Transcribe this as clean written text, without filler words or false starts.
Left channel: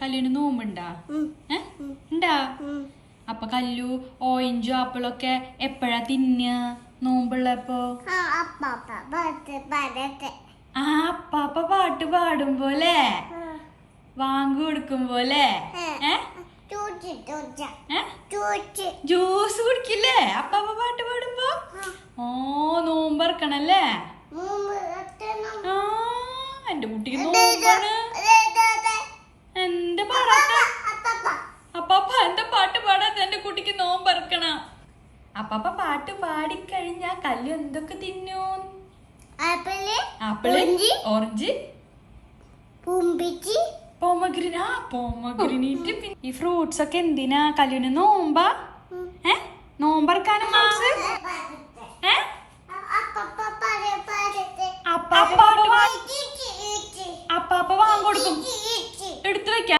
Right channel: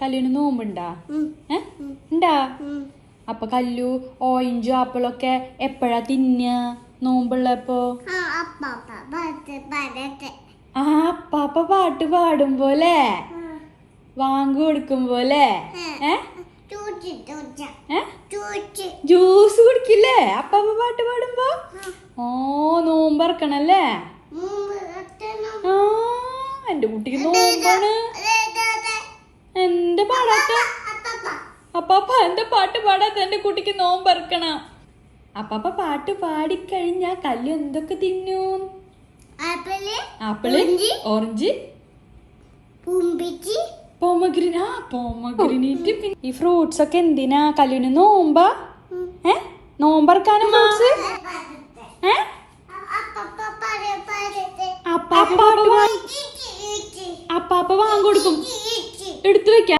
കല്ലുവിന് നോമ്പുണ്ടാ? ഉണ്ടാ? അപ്പൊ കല്ലു ഓറഞ്ചും ആപ്പിളൊക്കെ എപ്പോഴാ തിന്ന നോമ്പുള്ളപ്പോ? ആ അപ്പാപ്പ പാട്ട് പാടുമ്പോലെ, വാങ്ങു കൊടുക്കുമ്പോലെ. ജ്യൂസ് കുടിക്കില്ലേ അപ്പാപ്പ പാട്ട് പാടുമ്പോ? ഓ നോമ്പറക്കണല്ലേ? ആ എന്റെ കുട്ടിക്ക് നോമ്പാണ്. എന്റെ പാടാത്ത അപ്പാപ്പ എന്താ പാട്ട് പാടാത്ത? എന്റെ കുട്ടിക്ക് നോമ്പറക്കണ. അപ്പാപ്പ പാട്ട് പാടിക്കഴിഞ്ഞാ കല്ലു എന്തൊക്കെ തിന്നു? Apple, orange, pomegranate. ഈ ഫ്രൂട്ട്സ് ഒക്കെ എന്തിനാ? കല്ലുവിന് നോമ്പാ? നോമ്പറക്കാനും ഫ്രൂട്ട്സ്? അപ്പാപ്പ വാങ്ങി കൊടുക്കും. എടുത്തു വെക്കാം.